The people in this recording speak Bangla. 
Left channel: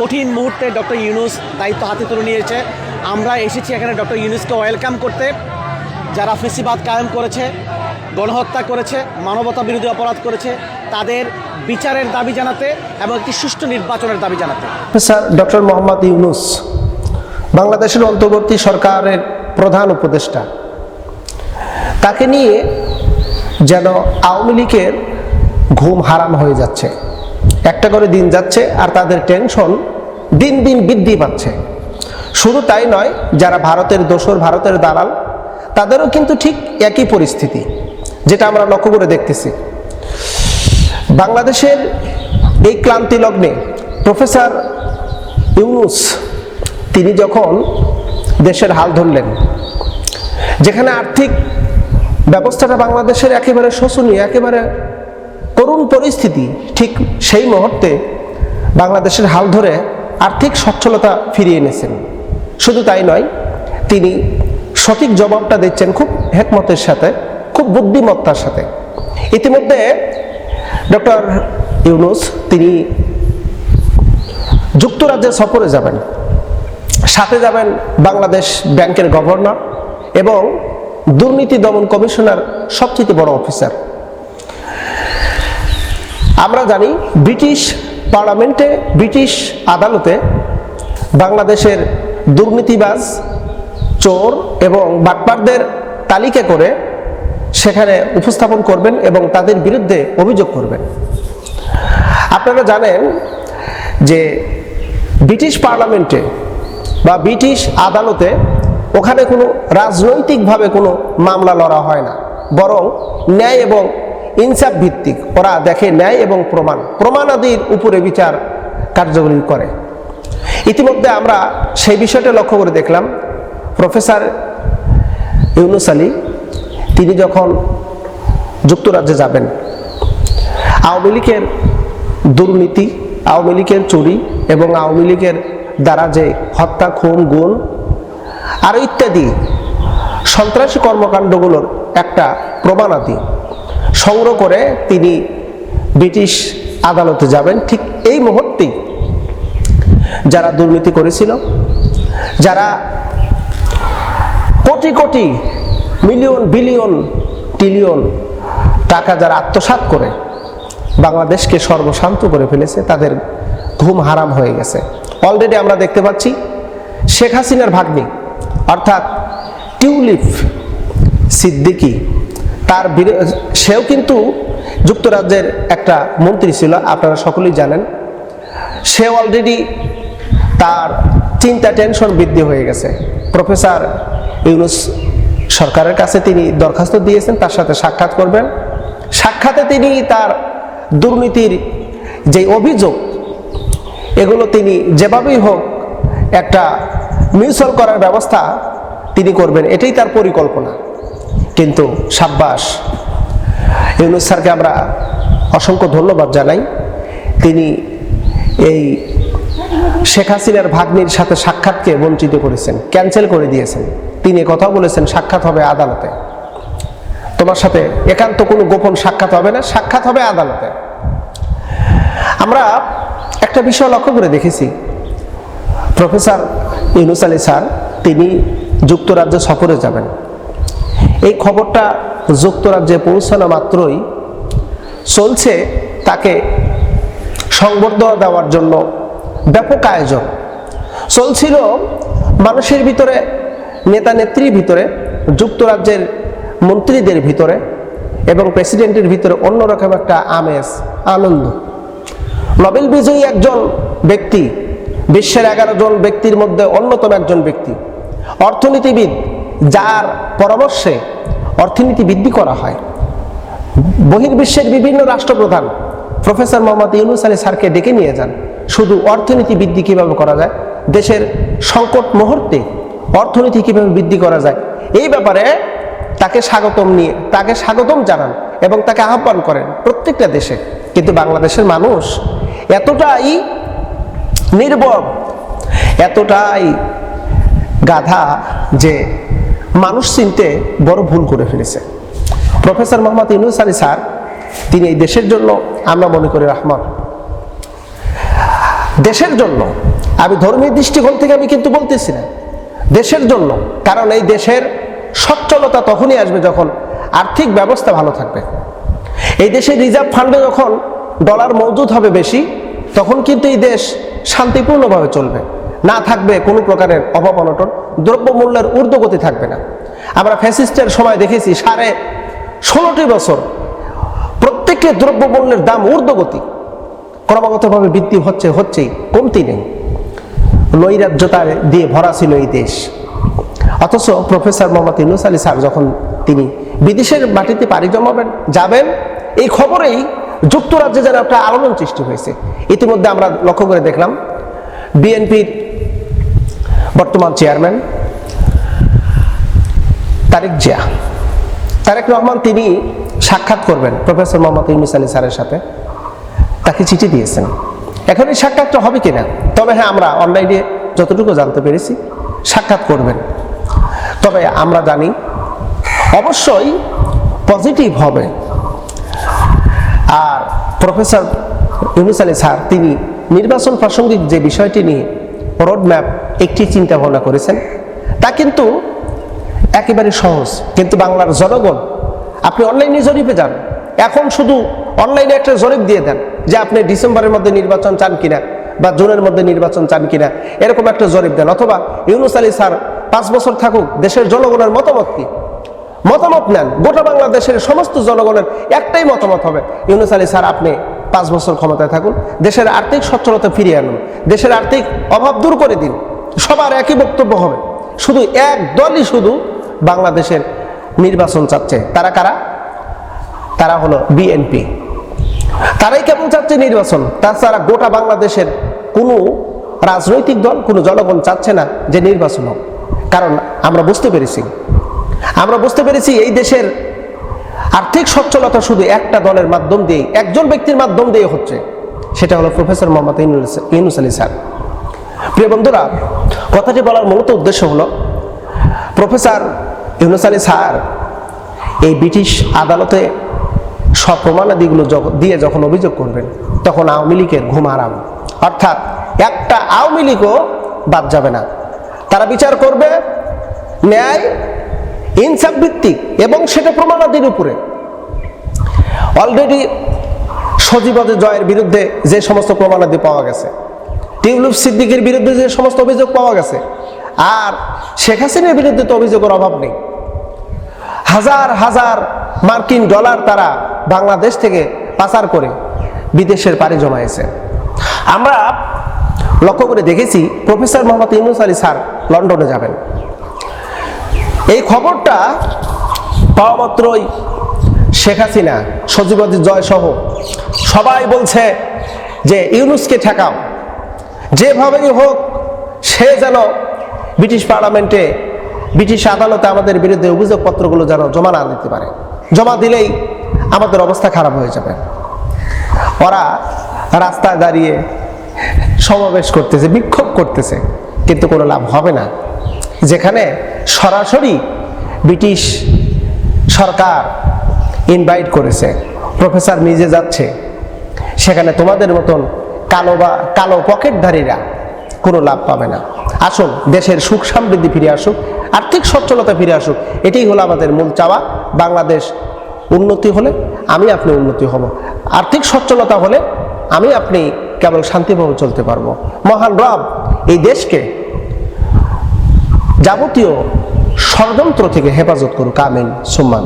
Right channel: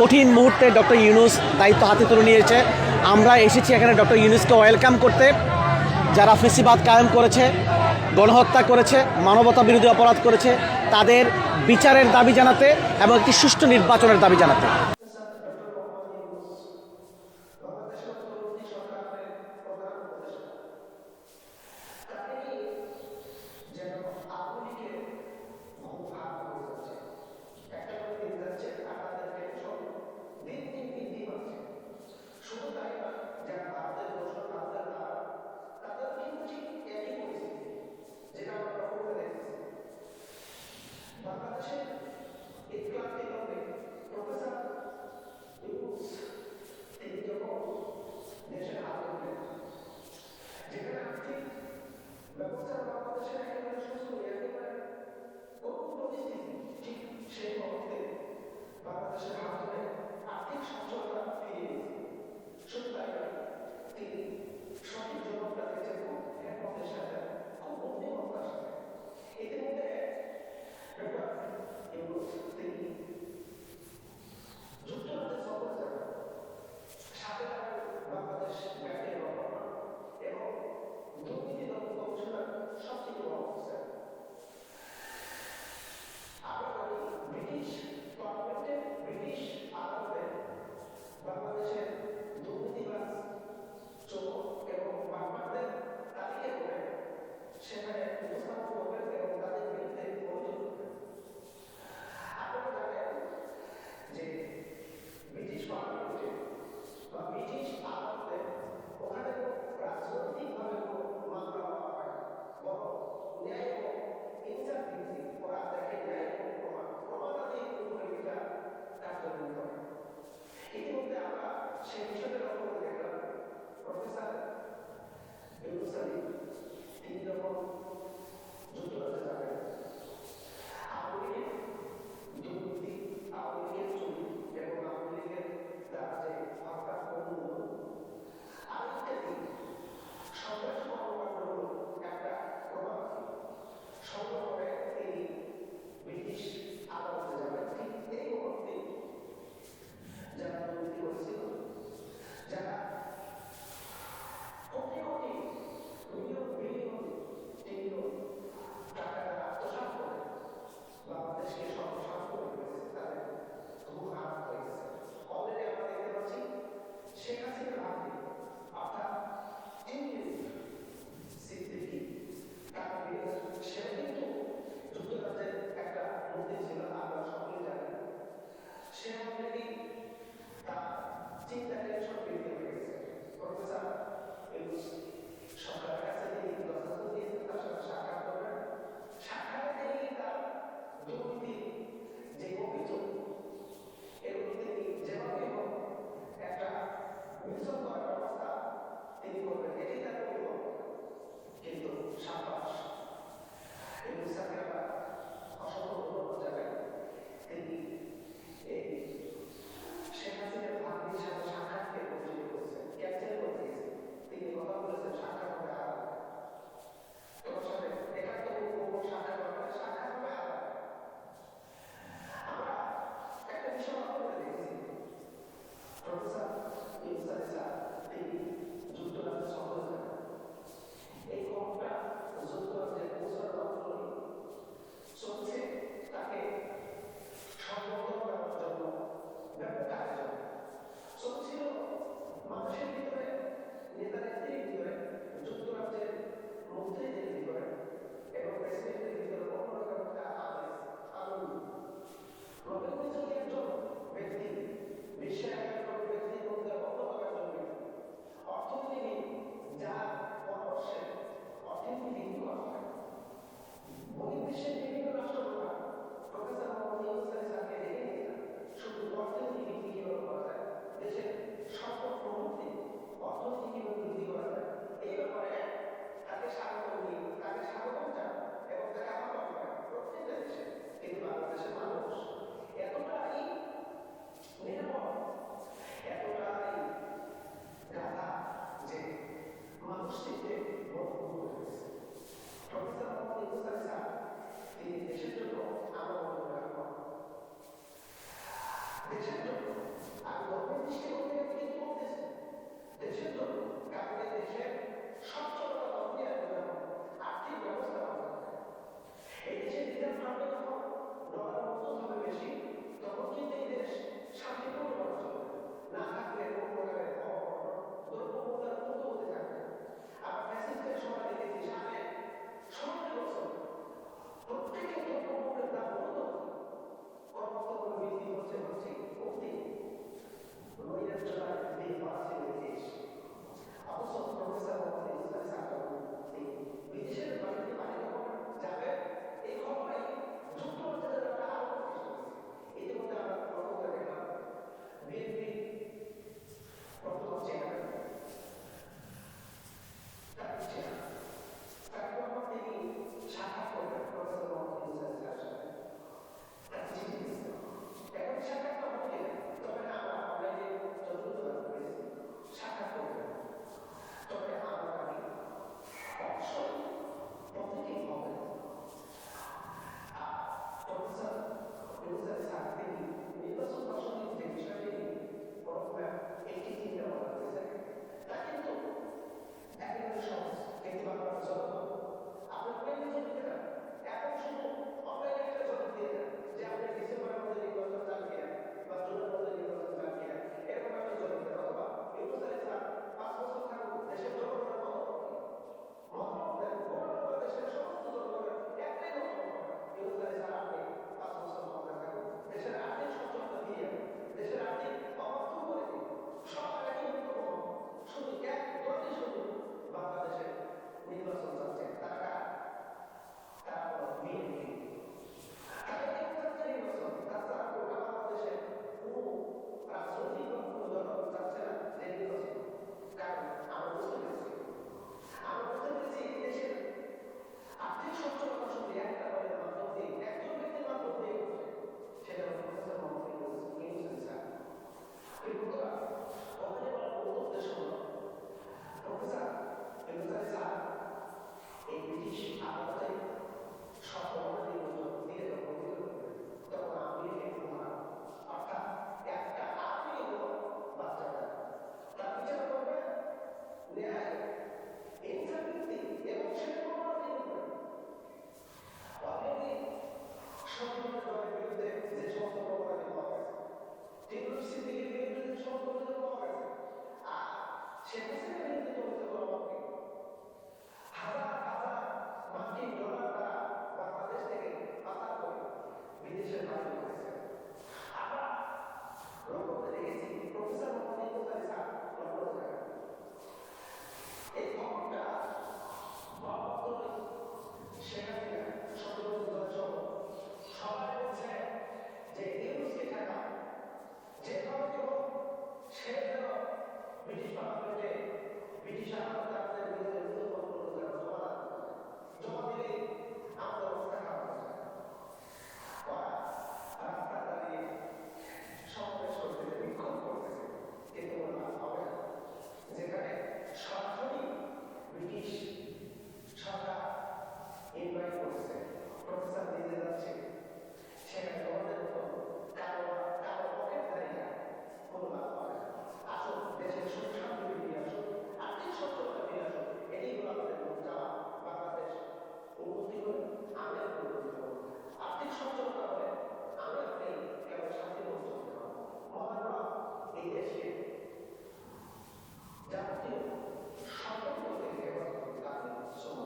কঠিন মুহূর্তে ডক্টর ইউনুস দায়িত্ব হাতে তুলে নিয়েছে। আমরা এসেছি এখানে ডক্টর ইউনুসকে ওয়েলকাম করতে। যারা ফেসিবাদ কায়েম করেছে, গণহত্যা করেছে, মানবতা বিরোধী অপরাধ করেছে, তাদের বিচারের দাবি জানাতে এবং একটি সুষ্ঠু নির্বাচনের দাবি জানাতে। স্যার, ডক্টর মোহাম্মদ ইউনুস, বাংলাদেশের অন্তর্বর্তী সরকারের প্রধান উপদেষ্টা। তাকে নিয়ে যেন আওয়ামী লীগের ঘুম হারাম হয়ে যাচ্ছে। একটা করে দিন যাচ্ছে আর তাদের টেনশন দিন দিন বৃদ্ধি পাচ্ছে। শুধু তাই নয়, যারা ভারতের দোসর, ভারতের দালাল, তাদেরও কিন্তু ঠিক একই পরিস্থিতি, যেটা আমরা লক্ষ্য করে দেখতেছি। বাংলাদেশের এই ক্লান্তি লগ্নে প্রফেসর ইউনুস, তিনি যখন দেশের হাল ধরলেন, যেখানে আর্থিক ব্যবস্থাটা বাংলাদেশের একেবারে শোষণীয় একেবারে করুণ পরিস্থিতি ঠিক সেই মুহূর্তে বাংলাদেশের হাল ধরে আর্থিক সচ্ছলতা ফিরিয়ে এনেছেন। শুধু তাই নয়, তিনি সঠিক জবাবটা দিচ্ছেন খুব হেকমতের সাথে, খুব বুদ্ধিমত্তার সাথে। ইতিমধ্যে ডক্টর ইউনুস, তিনি যুক্তরাজ্যে সফরে যাবেন। সাথে যাবেন বাংলাদেশ ব্যাংকের গভর্নর এবং দুর্নীতি দমন কমিশনার সবচেয়ে বড় অফিসার। আমরা জানি ব্রিটিশ পার্লামেন্টে, ব্রিটিশ আদালতে বাংলাদেশের দুর্নীতিবাজ, চোর এবং বাটপারদের তালিকা করে সেখানে উপস্থাপন করবেন এবং তাদের বিরুদ্ধে অভিযোগ করবেন। আপনারা জানেন যে ব্রিটিশ পার্লামেন্টে বা ব্রিটিশ আদালতে ওখানে কোনো রাজনৈতিকভাবে কোনো মামলা লড়া হয় না। বরং ন্যায় এবং ইনসাফ ভিত্তিক। ওরা দেখে ন্যায় এবং প্রমাণ। প্রমাণাদির উপরে বিচার কার্যকরী করে। ইতিমধ্যে আমরা সেই বিষয়টা লক্ষ্য করে দেখলাম। প্রফেসর ইউনুস আলী, তিনি যখন যুক্তরাজ্যে যাবেন, আওয়ামী লীগের দুর্নীতি, আওয়ামী লীগের চুরি এবং আওয়ামী লীগের দ্বারা যে হত্যা, খুন, গুণ, আর ইত্যাদি সন্ত্রাসী কর্মকাণ্ডগুলোর একটা প্রমাণাদি। সংগ্রহ করে তিনি ব্রিটিশ আদালতে যাবেন। ঠিক এই মুহূর্তেই যারা দুর্নীতি করেছিল, যারা crore crore million billion trillion টাকা যারা আত্মসাৎ করে বাংলাদেশকে সর্বশান্ত করে ফেলেছে, তাদের ঘুম হারাম হয়ে গেছে। অলরেডি আমরা দেখতে পাচ্ছি শেখ হাসিনার ভাগ্নি, অর্থাৎ টিউলিপ সিদ্দিকি তার সেও কিন্তু যুক্তরাজ্যের একটা মন্ত্রী ছিল, আপনারা সকলেই জানেন। সে অলরেডি তার চিন্তা টেনশন বৃদ্ধি হয়ে গেছে। প্রফেসর ইউনুস সরকারের কাছে তিনি দরখাস্ত দিয়েছেন, তার সাথে সাক্ষাৎ করবেন। সাক্ষাতে তিনি তার দুর্নীতির যে অভিযোগ, এগুলো তিনি যেভাবেই হোক একটা মিউচুয়াল করার ব্যবস্থা তিনি করবেন, এটাই তার পরিকল্পনা। কিন্তু সাব্বাস ইউনুস স্যারকে আমরা অসংখ্য ধন্যবাদ জানাই। তিনি এই শেখ হাসিনার ভাগ্নির সাথে সাক্ষাৎকে বঞ্চিত করেছেন, ক্যান্সেল করে দিয়েছেন। তিনি কথা বলেছেন, সাক্ষাৎ হবে আদালতে। তোমার সাথে একান্ত কোনো গোপন সাক্ষাৎ হবে না, সাক্ষাৎ হবে আদালতে। আমরা একটা বিষয় লক্ষ্য করে দেখেছি। প্রফেসর ইউনুস আলী স্যার, তিনি যুক্তরাজ্য সফরে যাবেন। এই খবরটা যুক্তরাজ্যে পৌঁছানো মাত্রই চলছে তাকে সংবর্ধনা দেওয়ার জন্য ব্যাপক আয়োজন। চলছিল মানুষের ভিতরে, নেতা নেত্রীর ভিতরে, যুক্তরাজ্যের মন্ত্রীদের ভিতরে এবং প্রেসিডেন্টের ভিতরে অন্যরকম একটা আমেজ, আনন্দ। নোবেল বিজয়ী একজন ব্যক্তি, বিশ্বের এগারো জন ব্যক্তির মধ্যে অন্যতম একজন ব্যক্তি। অর্থনীতিবিদ যার পরামর্শে অর্থনীতি বৃদ্ধি করা হয়। বহির্বিশ্বের বিভিন্ন রাষ্ট্রপ্রধান প্রফেসর মোহাম্মদ ইউনুস আলী স্যারকে ডেকে নিয়ে যান। শুধু অর্থনীতি বৃদ্ধি কীভাবে করা যায়, দেশের সংকট মুহূর্তে অর্থনীতি কীভাবে বৃদ্ধি করা যায়, এই ব্যাপারে তাকে স্বাগতম নিয়ে, তাকে স্বাগতম জানান এবং তাকে আহ্বান করেন প্রত্যেকটা দেশে। কিন্তু বাংলাদেশের মানুষ এতটাই নির্বব এতটাই গাধা যে মানুষ চিনতে বড় ভুল করে ফেলেছে। প্রফেসর মোহাম্মদ ইউনুস আলী স্যার, তিনি এই দেশের জন্য আমরা মনে করি রহমান। দেশের জন্য, আমি ধর্মীয় দৃষ্টিকোণ থেকে আমি কিন্তু বলতেছি না। দেশের জন্য, কারণ এই দেশের সচ্ছলতা তখনই আসবে যখন আর্থিক ব্যবস্থা ভালো থাকবে। এই দেশের রিজার্ভ ফান্ডে যখন ডলার মজুদ হবে বেশি, তখন কিন্তু এই দেশ শান্তিপূর্ণভাবে চলবে। না থাকবে কোনো প্রকারের অভাব অনটন, দ্রব্যমূল্যের ঊর্ধ্বগতি থাকবে না। আমরা ফ্যাসিস্টের সময় দেখেছি সাড়ে ষোলোটি বছর প্রত্যেকটি দ্রব্যমূল্যের দাম ঊর্ধ্বগতি। ক্রমাগতভাবে বৃদ্ধি হচ্ছে, হচ্ছেই, কমতি নেই। নৈরাজ্যতা দিয়ে ভরা ছিল এই দেশ। অথচ প্রফেসর মোহাম্মদ ইউনুস আলী স্যার যখন তিনি বিদেশের মাটিতে পাড়ি জমাবেন, যাবেন, এই খবরেই যুক্তরাজ্যে যেন একটা আলোড়ন সৃষ্টি হয়েছে। ইতিমধ্যে আমরা লক্ষ্য করে দেখলাম, বিএনপির বর্তমান চেয়ারম্যান তারেক জিয়া। তারেক রহমান তিনি সাক্ষাৎ করবেন প্রফেসর মোহাম্মদ ইউনুস আলী স্যারের সাথে। তাকে চিঠি দিয়েছেন। এখন এই সাক্ষাৎটা হবে কিনা? তবে হ্যাঁ আমরা অনলাইনে যতটুকু জানতে পেরেছি, সাক্ষাৎ করবেন। তবে আমরা জানি, অবশ্যই পজিটিভ হবে। আর প্রফেসর ইউনুস আলী স্যার, তিনি নির্বাচন প্রাসঙ্গিক যে বিষয়টি নিয়ে রোড ম্যাপ একটি চিন্তা ভাবনা করেছেন। তা কিন্তু একেবারে সহজ। কিন্তু বাংলার জনগণ, আপনি অনলাইনে জরিপে যান। এখন শুধু অনলাইনে একটা জরিপ দিয়ে দেন যে আপনি ডিসেম্বরের মধ্যে নির্বাচন চান কিনা বা জুনের মধ্যে নির্বাচন চান কিনা, এরকম একটা জরিপ দেন। অথবা ইউনুস আলী স্যার পাঁচ বছর থাকুক, দেশের জনগণের মতামত কি? মতামত নেন। গোটা বাংলাদেশের সমস্ত জনগণের একটাই মতামত হবে। ইউনুস আলী স্যার, আপনি পাঁচ বছর ক্ষমতায় থাকুন, দেশের আর্থিক সচ্ছলতা ফিরিয়ে আনুন, দেশের আর্থিক অভাব দূর করে দিন, সবার একই বক্তব্য হবে। শুধু এক দলই শুধু বাংলাদেশের নির্বাচন চাচ্ছে। তারা কারা? তারা হলো বিএনপি। তারাই কেমন চাচ্ছে নির্বাচন? তাছাড়া গোটা বাংলাদেশের কোনো রাজনৈতিক দল, কোনো জনগণ চাচ্ছে না যে নির্বাচন হোক। কারণ আমরা বুঝতে পেরেছি। আমরা বুঝতে পেরেছি এই দেশের আর্থিক সচ্ছলতা শুধু একটা দলের মাধ্যম দিয়ে একজন ব্যক্তির মাধ্যম দিয়ে হচ্ছে। সেটা হলো প্রফেসর মোহাম্মদ ইউনুস আলী স্যার। প্রিয় বন্ধুরা, কথাটি বলার মূলত উদ্দেশ্য হলো, প্রফেসর ইউনুস আলী স্যার এই ব্রিটিশ আদালতে সব প্রমাণাদিগুলো যখন- দিয়ে যখন অভিযোগ করবেন, তখন আওয়ামী লীগের ঘুম আরাম অর্থাৎ একটা আওয়ামী লীগও বাদ যাবে না। তারা বিচার করবে, ন্যায় ইনসাফ ভিত্তিক এবং সেটা প্রমাণাদির উপরে। অলরেডি সজীবদের জয়ের বিরুদ্ধে যে সমস্ত প্রমাণাদি পাওয়া গেছে, টিউলিপ সিদ্দিকের বিরুদ্ধে যে সমস্ত অভিযোগ পাওয়া গেছে, আর শেখ হাসিনার বিরুদ্ধে তো অভিযোগের অভাব নেই। হাজার হাজার মার্কিন ডলার তারা বাংলাদেশ থেকে পাচার করে বিদেশের পাড়ি জমাইছে আমরা লক্ষ্য করে দেখেছি, প্রফেসর মোহাম্মদ ইউনুস আলী স্যার লন্ডনে যাবেন। খবরটা পাওয়া মাত্রই শেখ হাসিনা সজীবতী জয় সহ সবাই বলছে যে ইউনুসকে ঠেকাও। যেভাবেই হোক, সে যেন ব্রিটিশ পার্লামেন্টে ব্রিটিশ আদালতে আমাদের বিরুদ্ধে অভিযোগপত্রগুলো যেন জমা না দিতে পারে। জমা দিলেই আমাদের অবস্থা খারাপ হয়ে যাবে। ওরা রাস্তায় দাঁড়িয়ে সমাবেশ করতেছে, বিক্ষোভ করতেছে, কিন্তু কোনো লাভ হবে না। যেখানে সরাসরি ব্রিটিশ সরকার ইনভাইট করেছে। প্রফেসর নিজে যাচ্ছে। সেখানে তোমাদের মতন কালো বা কালো পকেটধারীরা কোনো লাভ পাবে না। আসুন, দেশের সুখ সমৃদ্ধি ফিরে আসুক, আর্থিক সচ্ছলতা ফিরে আসুক। এটাই হলো আমাদের মূল চাওয়া। বাংলাদেশ উন্নতি হলে আমি আপনি উন্নতি হব। আর্থিক সচ্ছলতা হলে আমি আপনি কেবল শান্তিভাবে চলতে পারব। মহান রব এই দেশকে যাবতীয় ষড়যন্ত্র থেকে হেফাজত করুক আমিন সুম্মান